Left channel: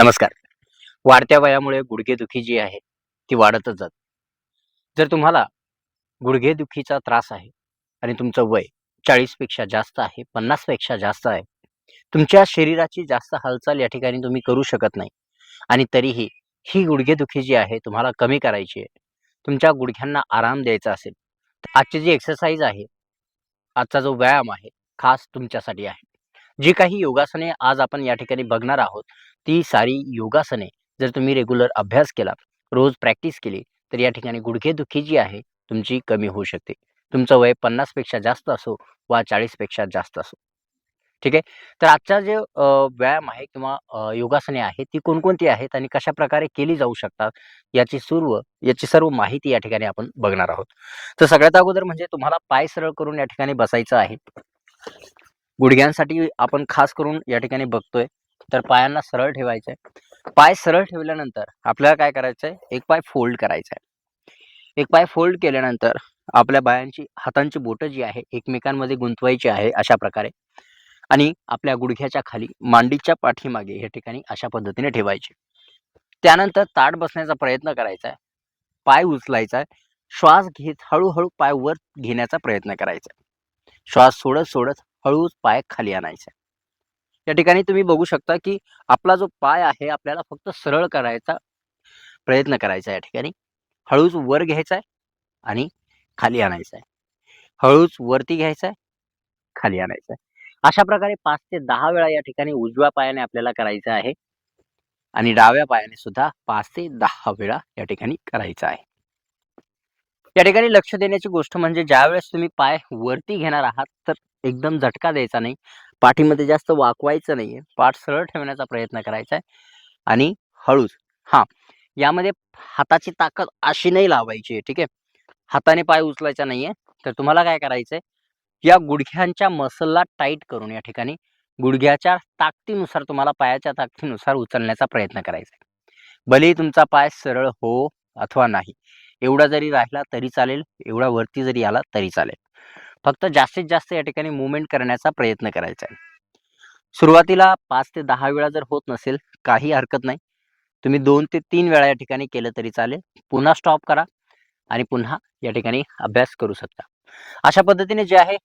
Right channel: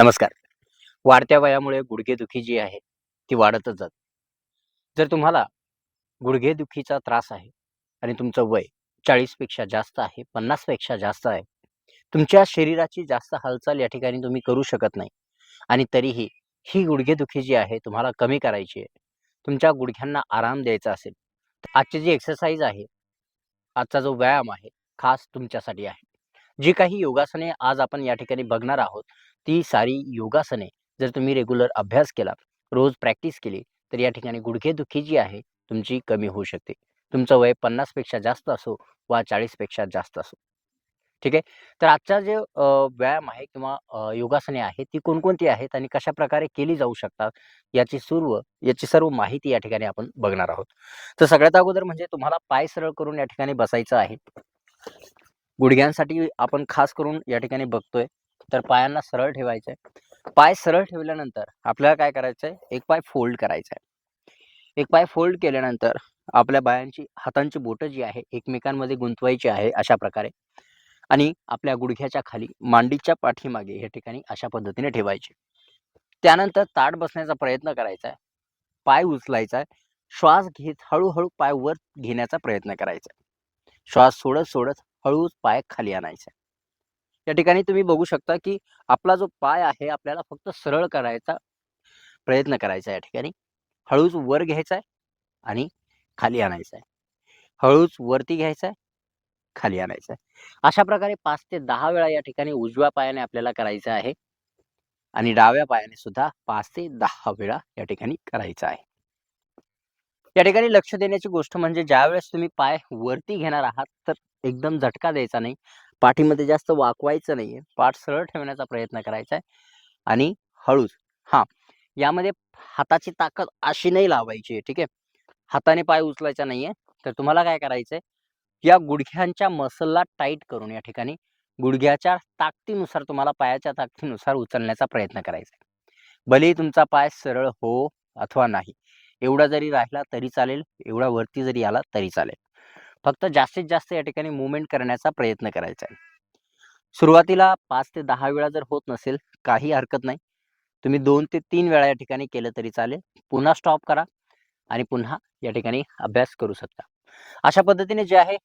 नमस्कार. वाढत्या वयामुळे गुडघेदुखी जी आहे, ती वाढतच जाते. जर तुम्हाला गुडघेदुखीचा त्रास आहे आणि तुमचं वय 40 पेक्षा जास्त आहे, 50 पेक्षा जास्त आहे, तुमच्या शरीराची जास्त हालचाल या ठिकाणी तुम्ही करू शकत नाही आणि तरीही ही गुडघेदुखी जी आहे तुम्हाला कमी करायची आहे. तुमच्या गुडघ्यांना आराम द्यायचा असेल, तर आजची जी एक्सरसाइज आहे, आजचा जो व्यायाम आहे, खास तुमच्यासाठी आहे. जी काही योगासने आज आपण या ठिकाणी बघणार आहोत, ती सारी योगासने जर तुम्ही रेग्युलर अभ्यास केला, रोज प्रॅक्टिस केली, तर या ठिकाणी गुडघेदुखी जी आहे तुमची कमी होऊ शकते. तुमचं वय 50 पेक्षा जास्त असो वा 40 पेक्षा जास्त असो. ठीक आहे. तर आजचा जे व्यायाम आहे किंवा योगासने आहेत, ती कोणकोणती आहेत आणि कशाप्रकारे केली जाऊ शकतात, याची सर्व माहिती या ठिकाणी आपण बघणार आहोत. तर सगळ्यात अगोदर म्हणजे तुम्हाला पाय सरळ करून या ठिकाणी बसायचं आहे. गुडघ्यांसाठी आपण खास करून या ठिकाणी बघतोय, तर पायांना सरळ ठेवायचं आहे. पाय सरळ ठेवल्यानंतर आपल्याला काय करायचंय, एक पाय फोल्ड करायचा आहे. एक पाय फोल्ड केल्यानंतर आपल्या हातांची बोटं जी आहे एकमेकांमध्ये गुंतवायची आहे अशा प्रकारे आणि आपल्या गुडघ्याच्या खाली मांडीच्या पाठीमागे या ठिकाणी अशा पद्धतीने ठेवायचे. त्यानंतर ताठ बसण्याचा प्रयत्न करायचा आहे. पाय उचलायचा आहे. श्वास घेत हळू पाय वर घेण्याचा प्रयत्न करायचा आहे. श्वास सोडत हळूच पाय खाली आणायचा. या ठिकाणी तुम्ही बघू शकता, की आपला जो पाय आहे आपल्याला फक्त सरळ करायचा प्रयत्न करायचा आहे या ठिकाणी. हळूच वर घ्यायचा आहे आणि खाली आणायचा आहे. हळूच वरती घ्यायचा आहे, खाली आणायचा आहे. अशा प्रकारे 5 ते 10 वेळा या ठिकाणी उजव्या पायाने आपल्याला करायचं आहे आणि डाव्या पायाने सुद्धा 5 ते 10 वेळा या ठिकाणी करायचं आहे. या ठिकाणी लक्ष देण्याची गोष्ट म्हणजे ज्यावेळेस तुम्ही पाय वरती घेणार आहात, तर एकदम झटका द्यायचा नाही. पाठीमध्ये जास्त वाकवायचं नाहीये. पाठ सरळ ठेवण्याचा प्रयत्न करायचा आहे आणि हळूच हां, यामध्ये हाताची ताकद अशी नाही लावायची आहे, ठीक आहे. हाताने पाय उचलायचा नाहीये. तर तुम्हाला काय करायचंय, या गुडघ्यांच्या मसलला टाईट करून या ठिकाणी गुडघ्याच्या ताकदीनुसार तुम्हाला पायाच्या ताकदीनुसार उचलण्याचा प्रयत्न करायचा आहे. भलेही तुमचा पाय सरळ हो अथवा नाही. एवढा जरी राहिला तरी चालेल, एवढा वरती जरी आला तरी चालेल. फक्त जास्तीत जास्त या ठिकाणी मूव्हमेंट करण्याचा प्रयत्न करायचा आहे. सुरुवातीला 5 ते 10 वेळा जर होत नसेल, काही हरकत नाही. तुम्ही 2 ते 3 वेळा या ठिकाणी केलं तरी चालेल. पुन्हा स्टॉप करा आणि पुन्हा या ठिकाणी अभ्यास करू शकता. अशा पद्धतीने जे आहे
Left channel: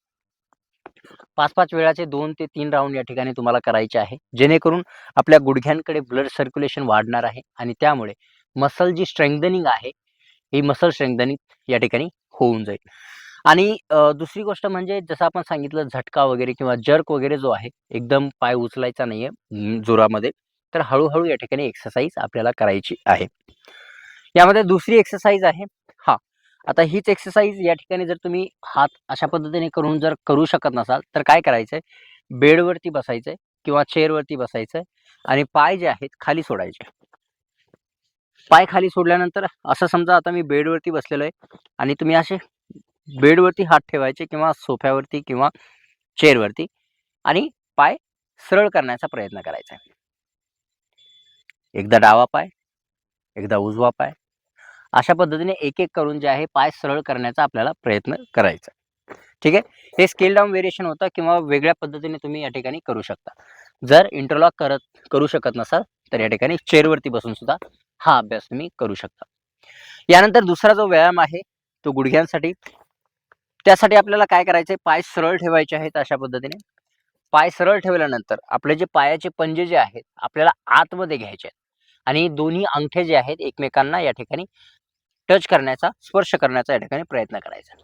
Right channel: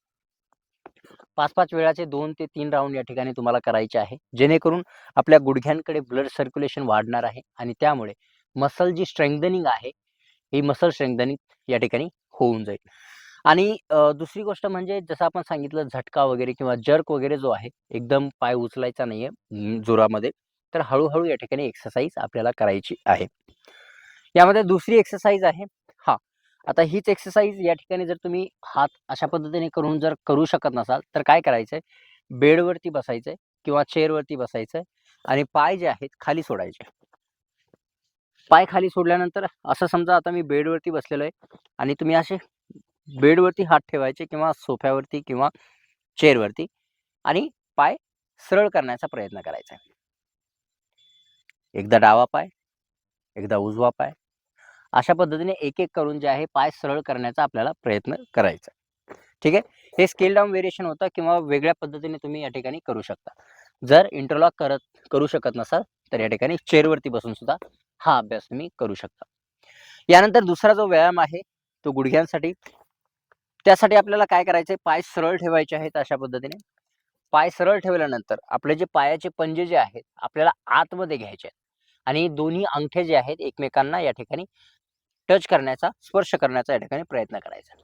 5-5 वेळाचे 2 ते 3 राउंड या ठिकाणी तुम्हाला करायचे आहे. जेणेकरून आपल्या गुडघ्यांकडे ब्लड सर्क्युलेशन वाढणार आहे आणि त्यामुळे मसल जी स्ट्रेंथनिंग आहे, ही मसल स्ट्रेंथनिंग या ठिकाणी होऊन जाईल. आणि दुसरी गोष्ट म्हणजे जसं आपण सांगितलं झटका वगैरे किंवा जर्क वगैरे जो आहे, एकदम पाय उचलायचा नाहीये जोरामध्ये. तर हळू या ठिकाणी एक्सरसाइज आपल्याला करायची आहे. यामध्ये दुसरी एक्सरसाइज आहे हां, आता हीच एक्सरसाइज या ठिकाणी जर तुम्ही हात अशा पद्धतीने करून जर करू शकत नसाल, तर काय करायचंय, बेडवरती बसायचंय किंवा चेअरवरती बसायचंय आणि पाय जे आहेत खाली सोडायचे. पाय खाली सोडल्यानंतर असं समजा आता मी बेडवरती बसलेलो आहे आणि तुम्ही असे बेडवरती हात ठेवायचे किंवा सोफ्यावरती किंवा चेअरवरती आणि पाय सरळ करण्याचा प्रयत्न करायचा आहे. एकदा डावा पाय, एकदा उजवा पाय. अशा पद्धतीने एक-एक करून जे आहे पाय सरळ करण्याचा आपल्याला प्रयत्न करायचा. ठीक आहे. हे स्केल डाउन व्हेरिएशन होतं किंवा वेगळ्या पद्धतीने तुम्ही या ठिकाणी करू शकता. जर इंटरलॉक करू शकत नसाल, तर या ठिकाणी चेअरवरती बसून सुद्धा हा अभ्यास तुम्ही करू शकता. यानंतर दुसरा जो व्यायाम आहे, तो गुडघ्यांसाठी. त्यासाठी आपल्याला काय करायचंय, पाय सरळ ठेवायचे आहेत अशा पद्धतीने. पाय सरळ ठेवल्यानंतर आपले जे पायाचे पंजे जे आहेत, आपल्याला आतमध्ये घ्यायचे आहेत आणि दोन्ही अंगठे जे आहेत एकमेकांना या ठिकाणी टच करण्याचा, स्पर्श करण्याचा या ठिकाणी प्रयत्न करायचा.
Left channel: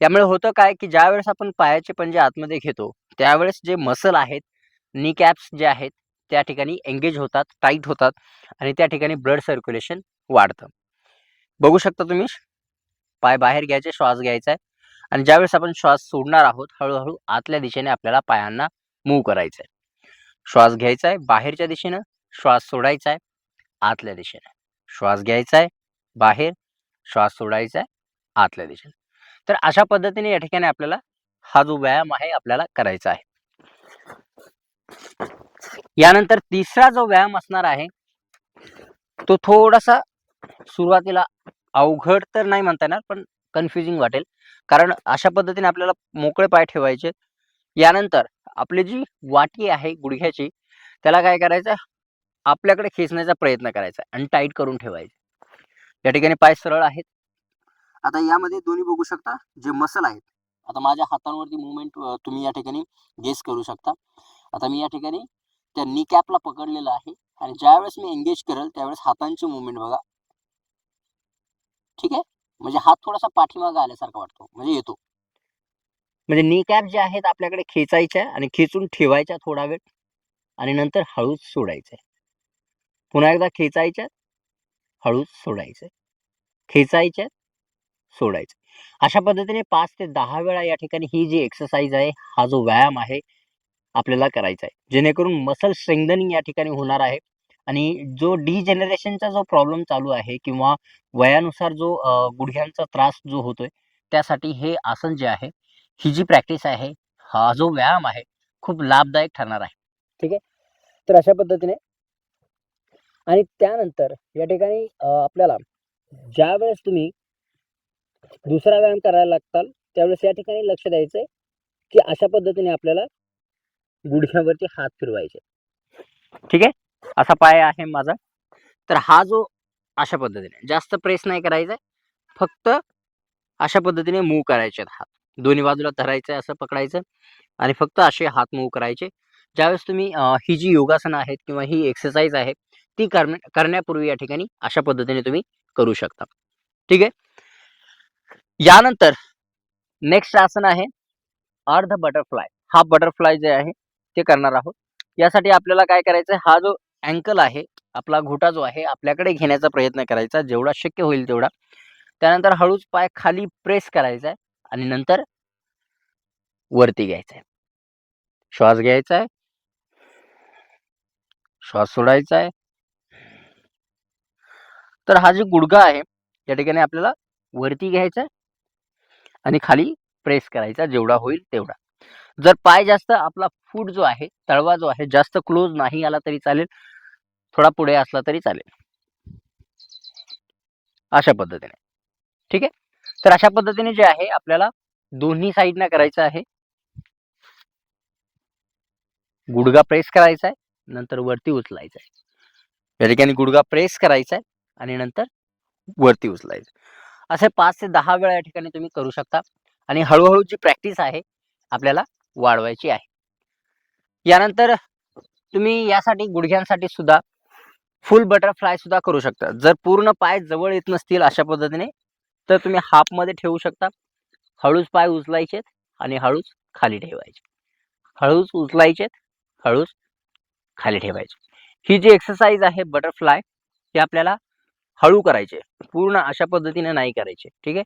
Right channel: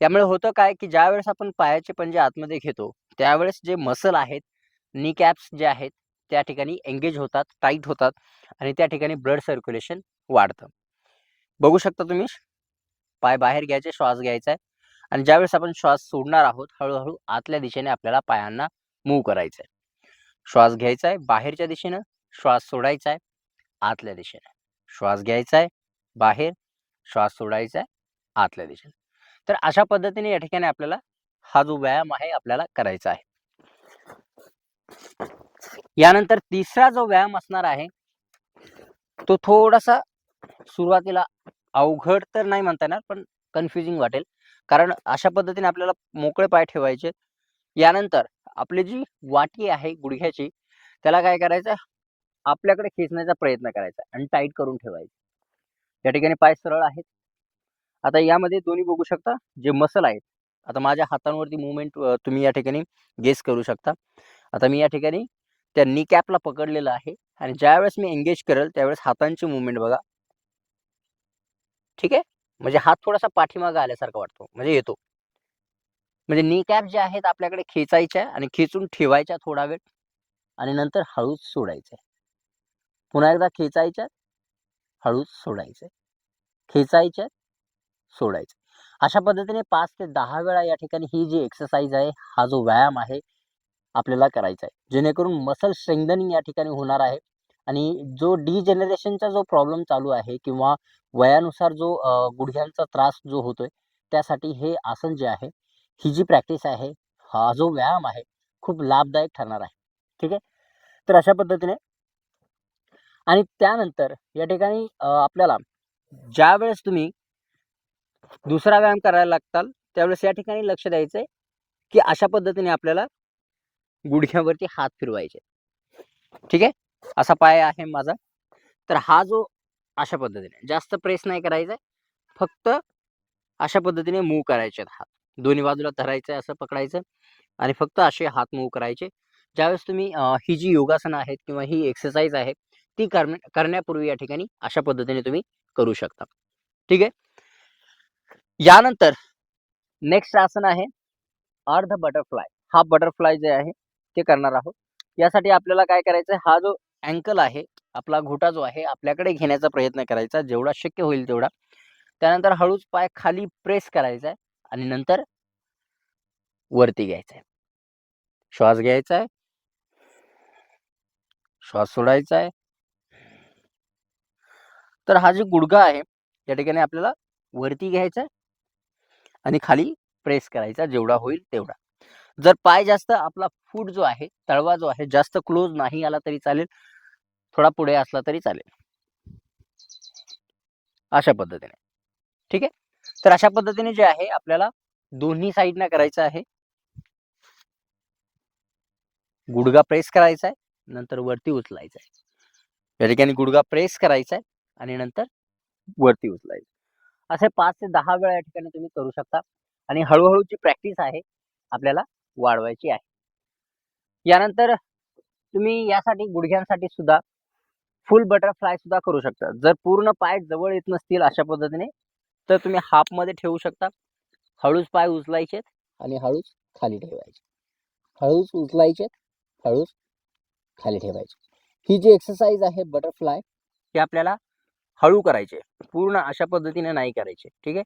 त्यामुळे होतं काय, की ज्यावेळेस आपण पायाचे पंजे आतमध्ये घेतो, त्यावेळेस जे मसल आहेत, नी कॅप्स जे आहेत, त्या ठिकाणी एंगेज होतात, टाईट होतात आणि त्या ठिकाणी ब्लड सर्क्युलेशन वाढतं. बघू शकता तुम्ही, पाय बाहेर घ्यायचे, श्वास घ्यायचा आहे आणि ज्यावेळेस आपण श्वास सोडणार आहोत, हळू आतल्या दिशेने आपल्याला पायांना मूव्ह करायचं आहे. श्वास घ्यायचा आहे बाहेरच्या दिशेनं, श्वास सोडायचा आहे आतल्या दिशेने. श्वास घ्यायचा आहे बाहेर, श्वास सोडायचा आहे आतल्या दिशेने. तर अशा पद्धतीने या ठिकाणी आपल्याला हा जो व्यायाम आहे आपल्याला करायचा आहे. यानंतर तिसरा जो व्यायाम असणार आहे, तो थोडासा सुरुवातीला अवघड तर नाही म्हणता येणार, पण कन्फ्युजिंग वाटेल. कारण अशा पद्धतीने आपल्याला मोकळे पाय ठेवायचे. यानंतर आपली जी वाटी आहे गुडघ्याची, त्याला काय करायचं आपल्याकडे खेचण्याचा प्रयत्न करायचा आणि टाईट करून ठेवायचे. या ठिकाणी पाय सरळ आहेत. आता यामध्ये दोन्ही बघू शकता जे मसल आहेत. आता माझ्या हातांवरती मूव्हमेंट तुम्ही या ठिकाणी गेस करू शकता. आता मी या ठिकाणी त्या नी कॅपला पकडलेलं आहे आणि ज्यावेळेस मी एंगेज करेल त्यावेळेस हातांची मूव्हमेंट बघा. ठीक आहे? म्हणजे हात थोडासा पाठीमागे आल्यासारखा वाटतो, म्हणजे येतो. म्हणजे नी कॅप जे आहेत आपल्याकडे खेचायच्या आणि खेचून ठेवायच्या थोडा वेळ आणि नंतर हळूच सोडायच्या. पुन्हा एकदा खेचायच्या, हळूच सोडायच्या. खेचायच्या, सोडायचं. अशा पद्धतीने 5 ते 10 वेळा या ठिकाणी ही जी एक्सरसाइज आहे, हा जो व्यायाम आहे, आपल्याला करायचा आहे. जेणेकरून मसल स्ट्रेंथनिंग या ठिकाणी होणार आहे आणि जो डिजेनरेशनचा जो प्रॉब्लेम चालू आहे किंवा वयानुसार जो गुडघ्यांचा त्रास जो होतोय, त्यासाठी हे आसन जे आहे, ही जी प्रॅक्टिस आहे, हा जो व्यायाम आहे, खूप लाभदायक ठरणार आहे. ठीक आहे? तर अशा पद्धतीने आणि त्यानंतर या ठिकाणी आपल्याला ज्यावेळेस तुम्ही दुसरा व्यायाम करायला लागताल, त्यावेळेस या ठिकाणी लक्ष द्यायचंय, की अशा पद्धतीने आपल्याला गुडघ्यावरती हात फिरवायचे. ठीक आहे? असा पाय आहे माझा. तर हा जो अशा पद्धतीने जास्त प्रेस नाही करायचंय. फक्त अशा पद्धतीने मूव्ह करायचे हात. दोन्ही बाजूला धरायचंय, असं पकडायचं आणि फक्त असे हात मूव्ह करायचे. ज्यावेळेस तुम्ही ही जी योगासनं आहेत किंवा ही एक्सरसाइज आहे, ती करण्यापूर्वी या ठिकाणी अशा पद्धतीने तुम्ही करू शकता. ठीक आहे? यानंतर नेक्स्ट आसन आहे अर्ध बटरफ्लाय. हा बटरफ्लाय जे आहे ते करणार आहोत. यासाठी आपल्याला काय करायचं आहे, हा जो अँकल आहे, आपला घोटा जो आहे, आपल्याकडे घेण्याचा प्रयत्न करायचा जेवढा शक्य होईल तेवढा. त्यानंतर हळूच पाय खाली प्रेस करायचा आहे आणि नंतर वरती घ्यायचा आहे. श्वास घ्यायचा आहे. श्वास सोडायचा आहे. तर हा जो गुडघा आहे, या ठिकाणी आपल्याला वरती घ्यायचा आहे आणि खाली प्रेस करायचा जेवढा होईल तेवढा. जर पाय जास्त आपला फूट जो आहे, तळवा जो आहे, जास्त क्लोज नाही आला तरी चालेल. थोडा पुढे असला तरी चालेल. अशा पद्धतीने. ठीक आहे? तर अशा पद्धतीने जे आहे आपल्याला दोन्ही साइडनं करायचं आहे. गुडघा प्रेस करायचा आहे, नंतर वरती उचलायचा आहे. या ठिकाणी गुडघा प्रेस करायचा आहे आणि नंतर वरती उचलायचं. असे 5 ते 10 वेळा या ठिकाणी तुम्ही करू शकता आणि हळू जी प्रॅक्टिस आहे, आपल्याला वाढवायची आहे. यानंतर तुम्ही यासाठी गुडघ्यांसाठी सुद्धा फुल बटरफ्लाय सुद्धा करू शकता. जर पूर्ण पाय जवळ येत नसतील अशा पद्धतीने, तर तुम्ही हाफमध्ये ठेवू शकता. हळूच पाय उचलायचे आणि हळूच खाली ठेवायचे. हळूच उचलायचे, हळूच खाली ठेवायचे. ही जी एक्सरसाइज आहे बटरफ्लाय, ही आपल्याला हळू करायची पूर्ण अशा पद्धतीने नाही करायची. ठीक आहे?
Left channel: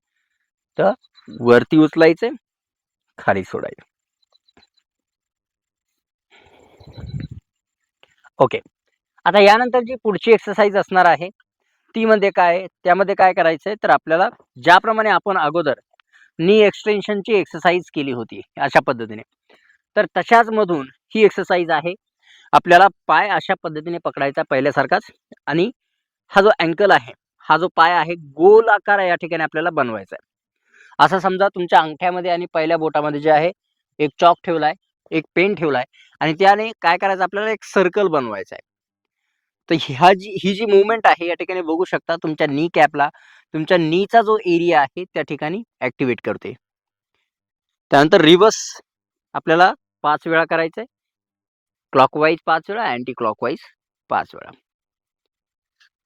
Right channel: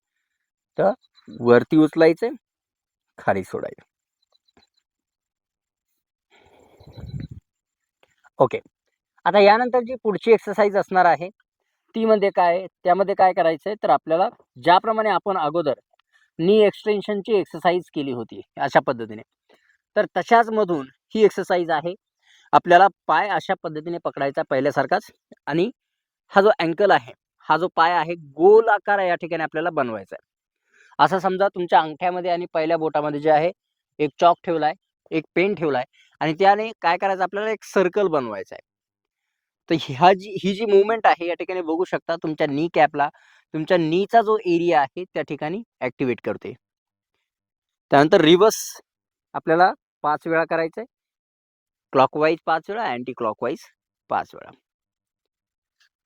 तर वरती उचलायचे, खाली सोडायचे. ओके. आता यानंतर जी पुढची एक्सरसाइज असणार आहे, ती म्हणजे काय? त्यामध्ये काय करायचंय, तर आपल्याला ज्याप्रमाणे आपण अगोदर नी एक्सटेन्शनची एक्सरसाइज केली होती अशा पद्धतीने, तर तशाच मधून ही एक्सरसाइज आहे. आपल्याला पाय अशा पद्धतीने पकडायचा पहिल्यासारखाच आणि हा जो अँकल आहे, हा जो पाय आहे, गोल आकार या ठिकाणी आपल्याला बनवायचा आहे. असं समजा तुमच्या अंगठ्यामध्ये आणि पहिल्या बोटामध्ये जे आहे, एक चॉक ठेवलाय, एक पेन ठेवलाय आणि त्याने काय करायचं आपल्याला एक सर्कल बनवायचा आहे. तर ही जी मूव्हमेंट आहे या ठिकाणी बघू शकता तुमच्या नी कॅपला तुमच्या नीचा जो एरिया आहे त्या ठिकाणी ॲक्टिव्हेट करते. त्यानंतर रिव्हर्स आपल्याला 5 वेळा करायचंय. क्लॉकवाईज 5 वेळा, अँटी क्लॉकवाईज 5 वेळा.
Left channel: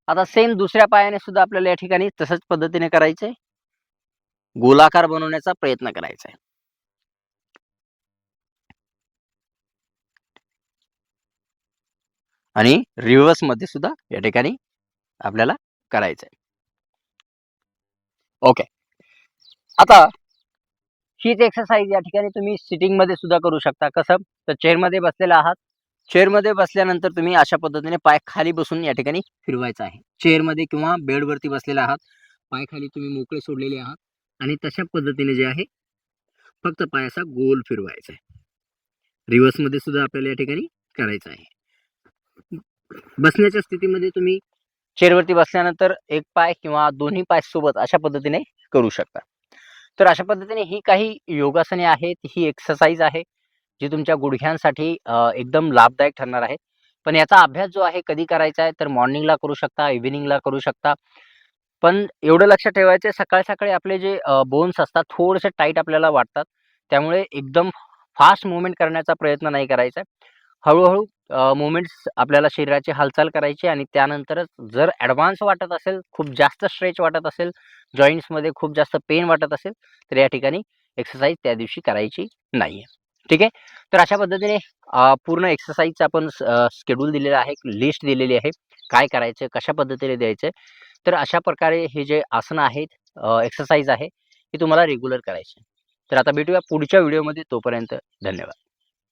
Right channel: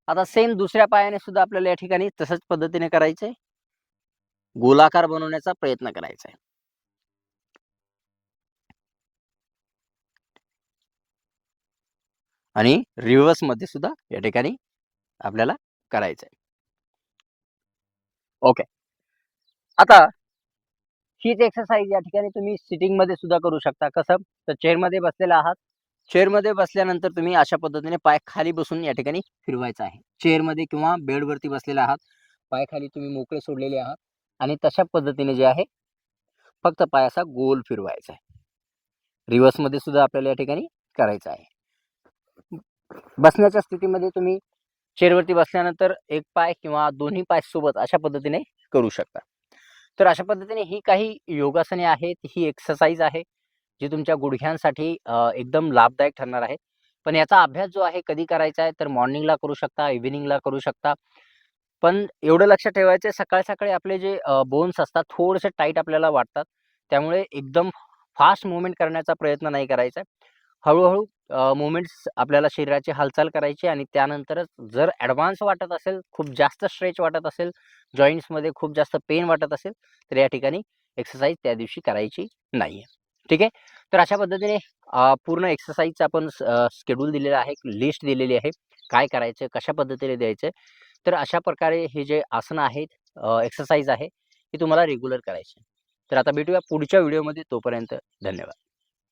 आता सेम दुसऱ्या पायाने सुद्धा आपल्याला या ठिकाणी तशाच पद्धतीने करायचंय. गोलाकार बनवण्याचा प्रयत्न करायचा आहे. आणि रिव्हर्समध्ये सुद्धा या ठिकाणी आपल्याला करायचं आहे. ओके. आता हीच एक्सरसाइज या ठिकाणी तुम्ही सिटिंगमध्ये सुद्धा करू शकता. कसं? तर चेअरमध्ये बसलेला आहात. चेअरमध्ये बसल्यानंतर तुम्ही अशा पद्धतीने पाय खाली बसून या ठिकाणी फिरवायचा आहे. चेअरमध्ये किंवा बेडवरती बसलेले आहात. पाय खाली तुम्ही मोकळे सोडलेले आहात आणि तशा पद्धतीने जे आहे फक्त पाय असा गोल फिरवायचा आहे. रिव्हर्समध्ये सुद्धा आपल्याला या ठिकाणी करायचं आहे. बसण्याच्या स्थितीमध्ये तुम्ही चेअरवरती बसल्यानंतर एक पाय किंवा दोन्ही पाय सोबत अशा पद्धतीने करू शकता. तर अशा पद्धतीने ही काही योगासने आहेत, ही एक्सरसाइज आहे, जी तुमच्या गुडघ्यांसाठी एकदम लाभदायक ठरणार आहे. पण याचा अभ्यास जो आहे कधी करायचा आहे, तर मॉर्निंगला करू शकता, इव्हनिंगला करू शकता. पण एवढं लक्षात ठेवायचं आहे सकाळी-सकाळी आपले जे बोन्स असतात थोडेसे टाईट आपल्याला वाटतात. त्यामुळे एकदम फास्ट मूव्हमेंट करण्याचा प्रयत्न नाही करायचा आहे. हळू-हळू मूव्हमेंट्स आपल्याला शरीराची हालचाल करायची आणि त्यानंतरच जर ॲडव्हान्स वाटत असेल, खूप जास्त स्ट्रेच वाटत असेल, जॉइंट्समध्ये खूप जास्त पेन वाटत असेल, तर या ठिकाणी एक्सरसाइज त्या दिवशी करायची नाहीये. ठीक आहे. तर अशा पद्धतीने पूर्ण एक्सरसाइजचं आपण शेड्यूल दिलेलं आहे, लिस्ट दिलेली आहे. काय करायचं, कशा पद्धतीने द्यायचं. तर अशा प्रकारे हे जे आसनं आहेत, एक्सरसाइज आहे, हे तुम्हाला रेग्युलर करायची. तर आता भेटूया पुढच्या व्हिडिओमध्ये. तोपर्यंत धन्यवाद.